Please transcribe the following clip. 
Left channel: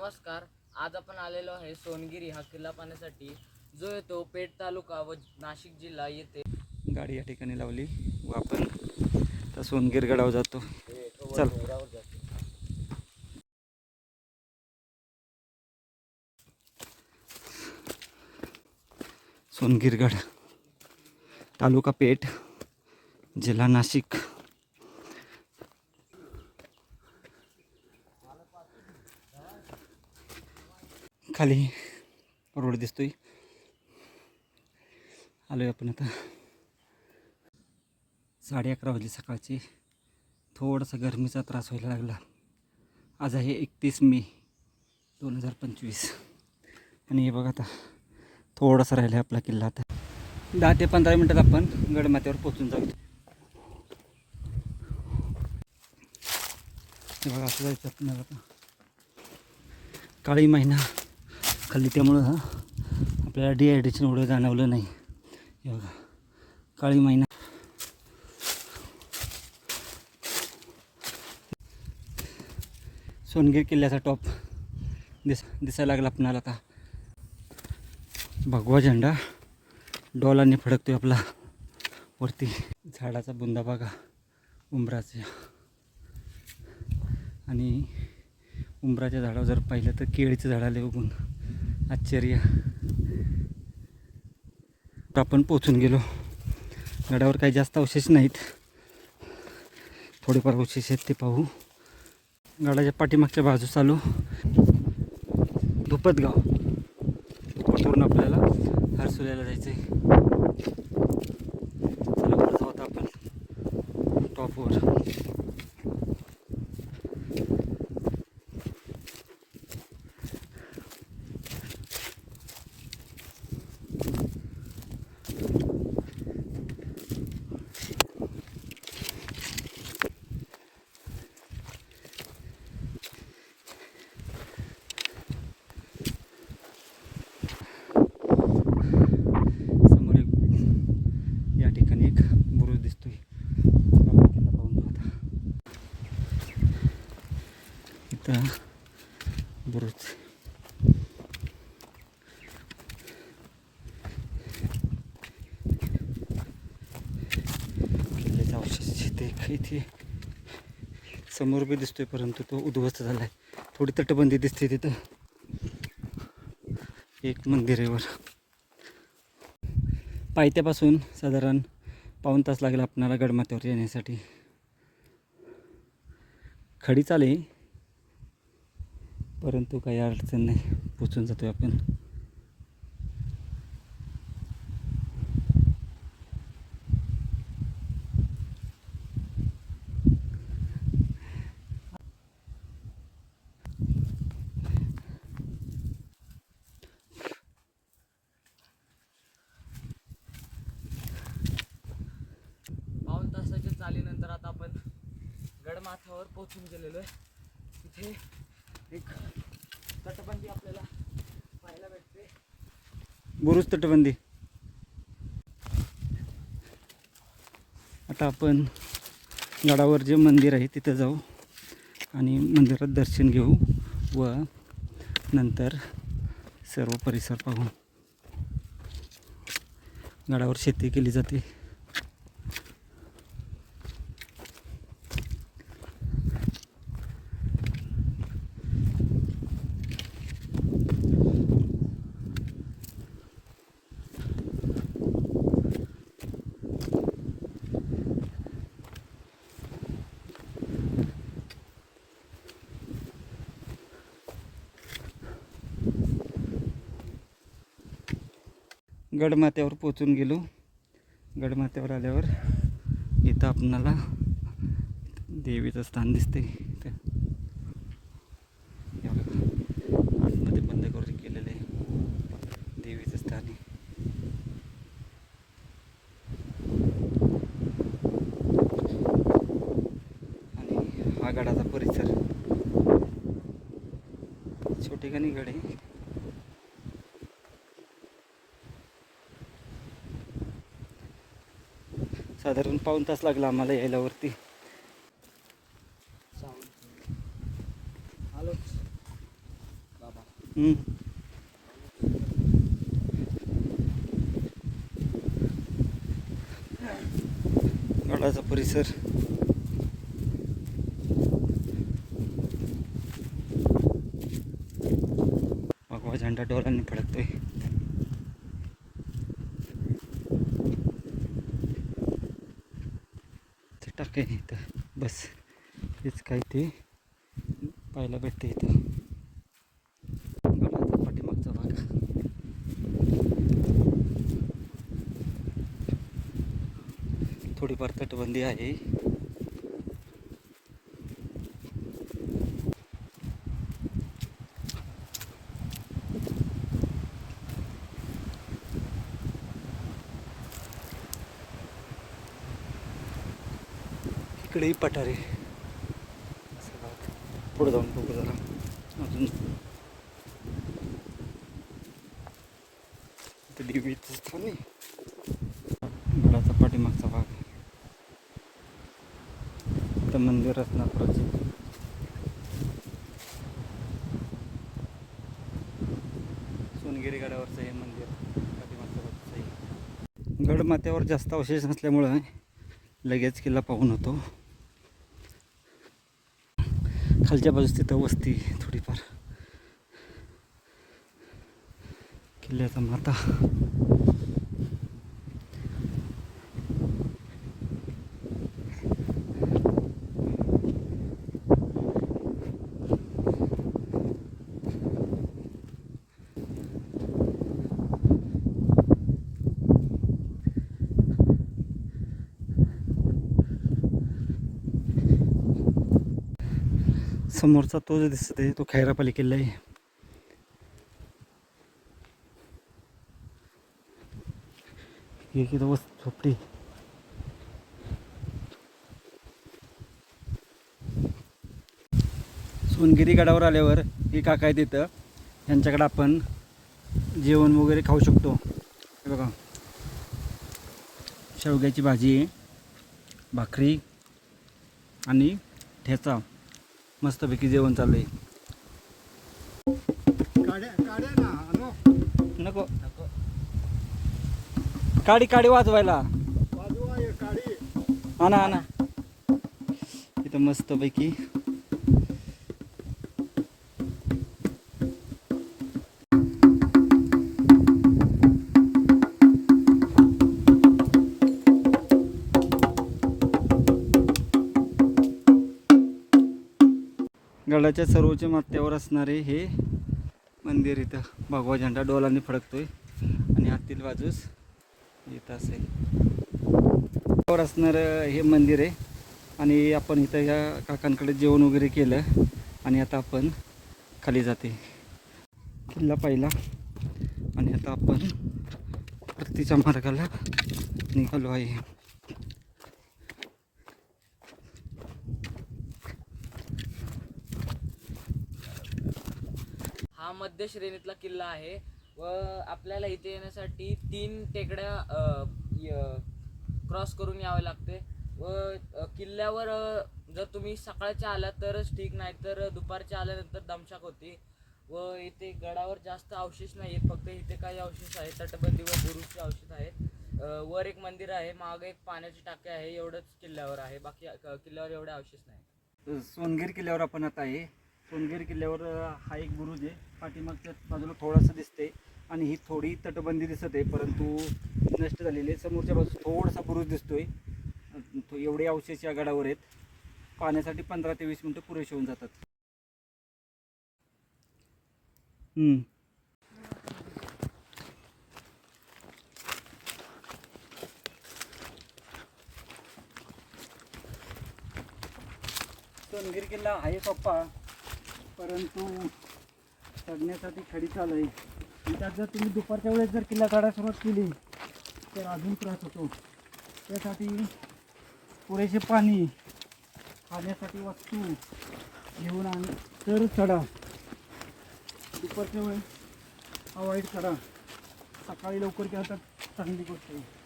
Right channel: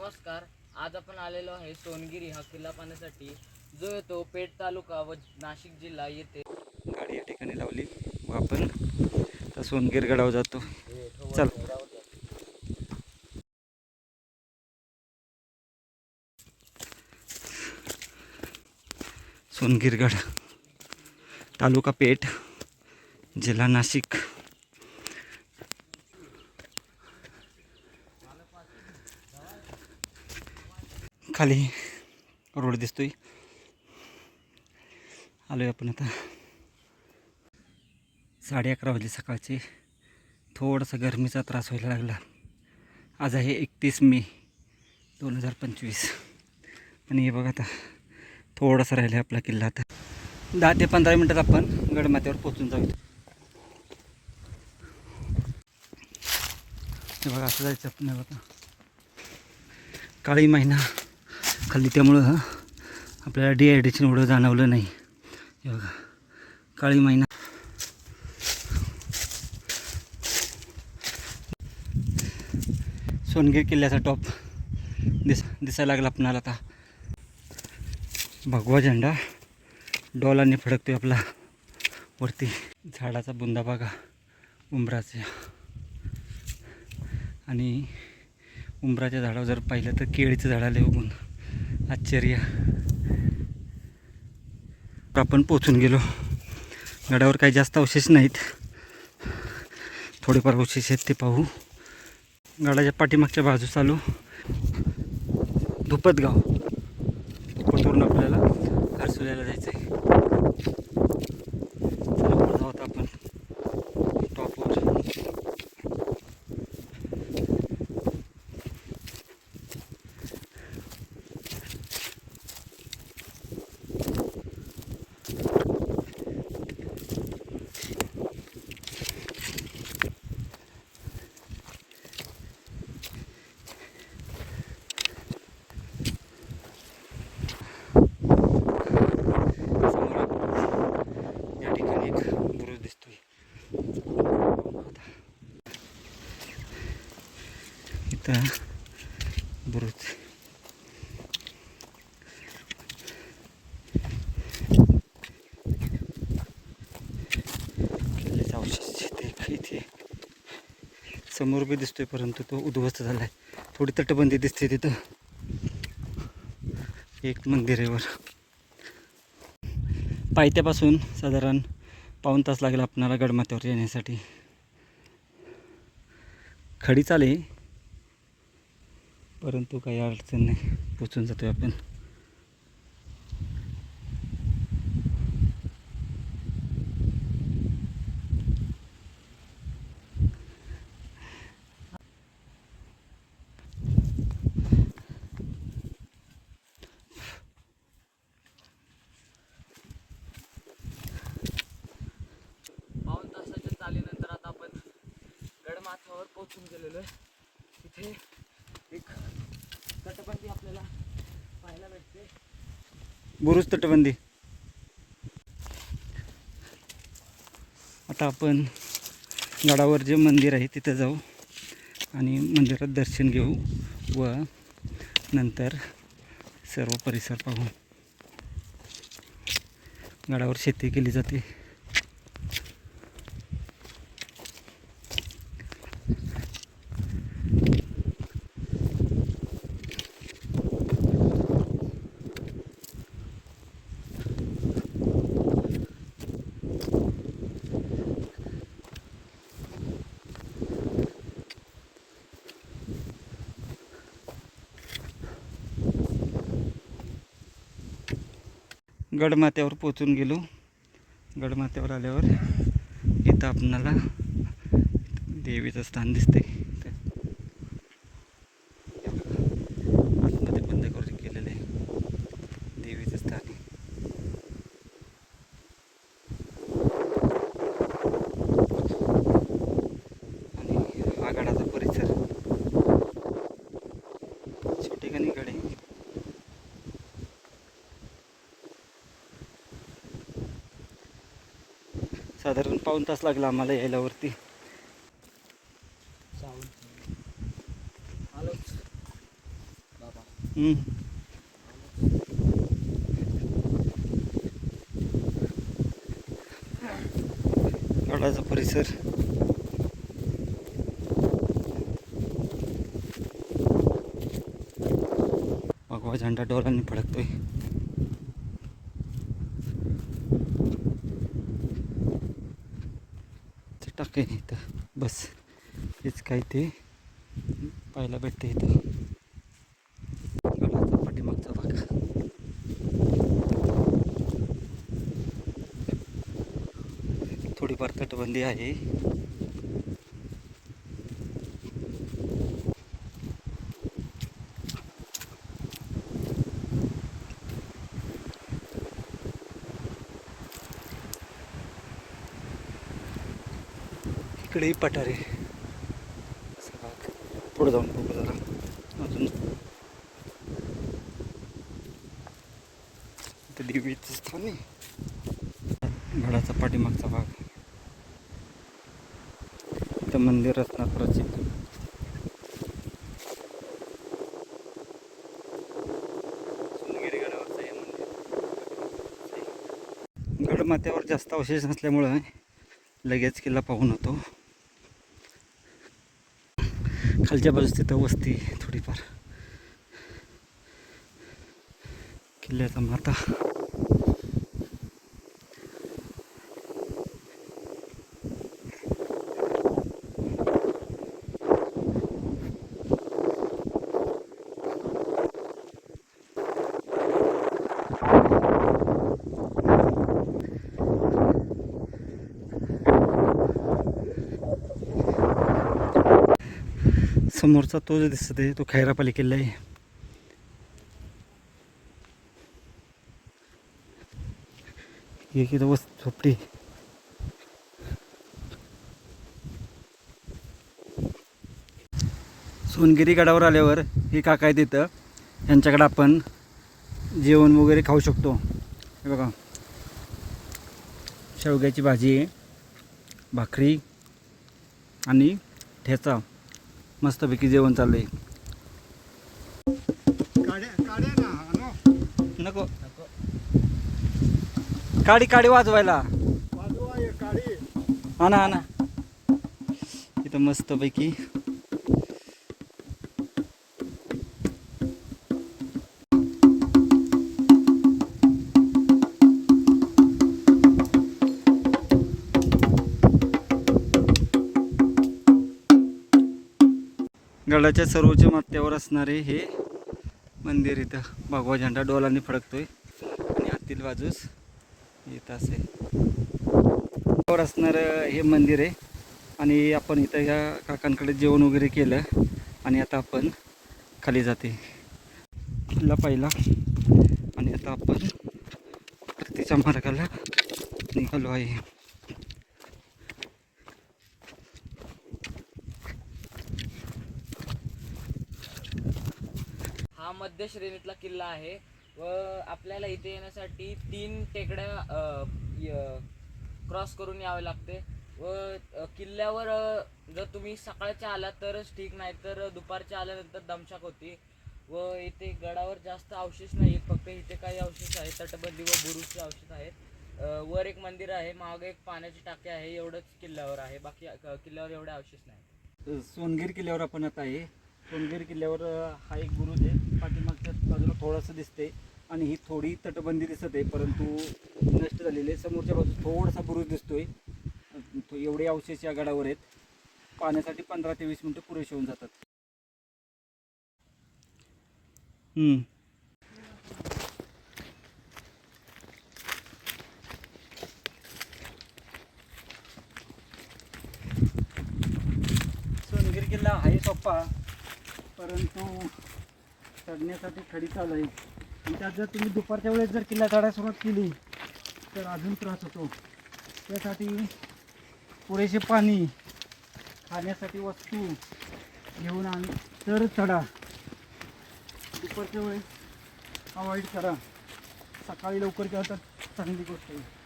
नमस्कार. आज आपण आलेलो आहे सोनगिरी हा किल्ला पाहण्यासाठी, जो येतो पेठ तालुका व नाशिक जिल्हा येथे. गाडी या ठिकाणी लावली व आपण तर सोनगिर गडावर जातो. चल. सोनगिरगड, तालुका पेठ, जिल्हा नाशिक. खाली रोड दिसतोय. आलोय आपण आता. 11:30 वाजले सकाळचे. थोडासा गरमीचा त्रास व्हायला लागला. आज आहे 31 मे 2025 आणि हे बघा आता थोडासा राहिला आपला किल्ला. आता 10 ते 15 मिनटात आपण गडमाथ्यावर पोहोचून जाऊ. हे बघा असं जायचं आपण. बघा काळी महिना खाल्ली त्यामुळं आपल्याला डिहायड्रेशन एवढं जाणवलं नाही. हे बघा काळी महिना. सोनगिर किल्ल्याचा टॉप दिसायला लागला आपणाला. आता भगवा झेंडा डॉलाने फडकतोय आपला वरती. झाडाचा बुंदा बघा उंबराचा. आणि उंबराच्या झाडावर जर पाहिलं तर केळीचं झाड आले बघून आश्चर्य. आपण पोचून गेलो. गडावर काही जास्त अवशेष नाहीत, थोडेफार अवशेष आहेत ते पाहू. गडाच्या पाठीमागच्या बाजूस आलो. धुपतगाव. धुपतवरून आपल्याला हर्सुल्याला जायचं आहे. जाऊत आपण टॉपवर. बुरुज. किल्ल्याचा अवशेष इथे समोर बी दिसतोय, परंतु तो उद्ध्वस्त झालाय. थोडी तटबंदी दिसते तिथं. एक मंदिर आहे वर. पायथ्यापासून साधारण पाऊण तास लागेल आपणाला गडमाथ्यावर येण्यासाठी. खडी चाले परंतु काही अडचण नाही, पोचून जातोय आपण. पाऊण तासाच्या चालीनंतर आता आपण गडमाथ्यावर पोहोचून गेलेलो आहे. तिथे एक तटबंदी आपल्याला पाहायला भेटते. बुरुज तटबंदी. आता आपण गडावर जे मंदिर आहे तिथं जाऊ आणि मंदिरात दर्शन घेऊ व नंतर सर्व परिसर पाहू. गडावर शेती केली जाते. गडमाथ्यावर पोचून गेलो. गडमाथ्यावर आल्यावर इथं आपणाला देवीचं स्थान दिसते. आतमध्ये बंद करून केलेलं आहे देवीचं स्थान. आणि हा गडाचा परिसर. छोटेखानी गड आहे. साधारण पाऊण तास लागला आम्हाला यायला वरती. गडाचा परिसर भगवा झेंडा डोलांनी फडकतोय. टाके इथं बस हेच काही ते पाहायला भेटते इथं. गडाचा पाठीमागचा भाग थोडीफार तटबंदी आहे. इकडेही पठारे पुढे जाऊन बघू जरा अजून. इथं देवीचं स्थान आहे. गडाचा पाठीमागचा भाग इथं मंदिर असणार प्रचित. सोनगिरी गडावरचं हे मंदिर गडमाथ्यावर जास्त अवशेष नसल्यामुळं लगेच किल्ला पाहून होतो. खालच्या बाजूस तिथं वस्ती थोडीफार. किल्ल्याचा माथा समोरचा तो जो दिसत आहे तो खैरापाली किल्ला आहे. हे किती वस्तू झोपडी. सोनगिरी गडावर आल्यावर हे काका आहे तिथं. यांच्याकडे आपण जेवण वगैरे खाऊ शकतो. हे बघा शेवग्याची भाजी आहे, भाकरी आणि ठेचा. मस्तपैकी जेवण चालू आहे. नको काडी काडी वाजवायला आणा आणा. इथं मस्तपैकी गडाच्या सर्वोच्च माथ्यावर असणारे हे मंदिर. इथं भगवा झेंडा डोलांनी फडकतोय आणि आतील बाजूस येत असे वर असणारं हे मंदिर आहे. आणि आपण इथं ह्या काकांकडे जेवण वगैरे केलं आणि आता आपण खाली जाते किल्ला पाहिला. आणि आता आपण परतीच्या मार्गाला निघालो आहे. हा मध्य श्रेणीतला किल्ला आहे व आपल्याला इथे येण्यासाठी 3 टेकड्या क्रॉस करून यावे लागते. व किल्ल्यावर जर तुम्ही सकाळच्या आलात तरच ठीक, नाही तर दुपारच्या आल्यानंतर दमछाक होती. व इथे गडावर जास्त अवशेष नाही आहेत, फक्त इथे काही अवशेष आहेत. तटबंदी व बुरुजचे अवशेष आहेत. वर एक मंदिर आहे, मागे एक पाण्याची टाकी आहे. एवढंच किल्ल्यावर आहे, बाकी किल्ल्यावर एवढे अवशेष नाही. सोनगिरी किल्ल्यावर आपण आता आहे. सोनगिरी किल्ल्यावर हा एक बुरुज आहे, पाठीमागच्या बाजूला थोडासा दिसते आणि ही थोडी तटबंदी दिसत आहे, परंतु नष्ट झालेली आहे. समोरच्या बाजूला थोडासा बुरुज दिसतोय. एवढे अवशेष या गडावर आहेत. पाण्यासाठी 15 ते 20 मिनटं पुरेसे होऊन जातात. सोनगिरी किल्ला आहे सोप्पा, परंतु चढण्यासाठी खडी चाल आहे. त्यात जर तुम्ही दुपारच्या वेळेस जर किल्ला चढायला सुरुवात केली तर अजून त्रास होतो. त्यासाठी पुरेसे पाणी, खाण्यासाठी वस्तू घेऊन आणि तर चढा. दुपारच्या वेळेस अवॉइड करा. सकाळी लवकर गेला तर चांगली गोष्ट आहे.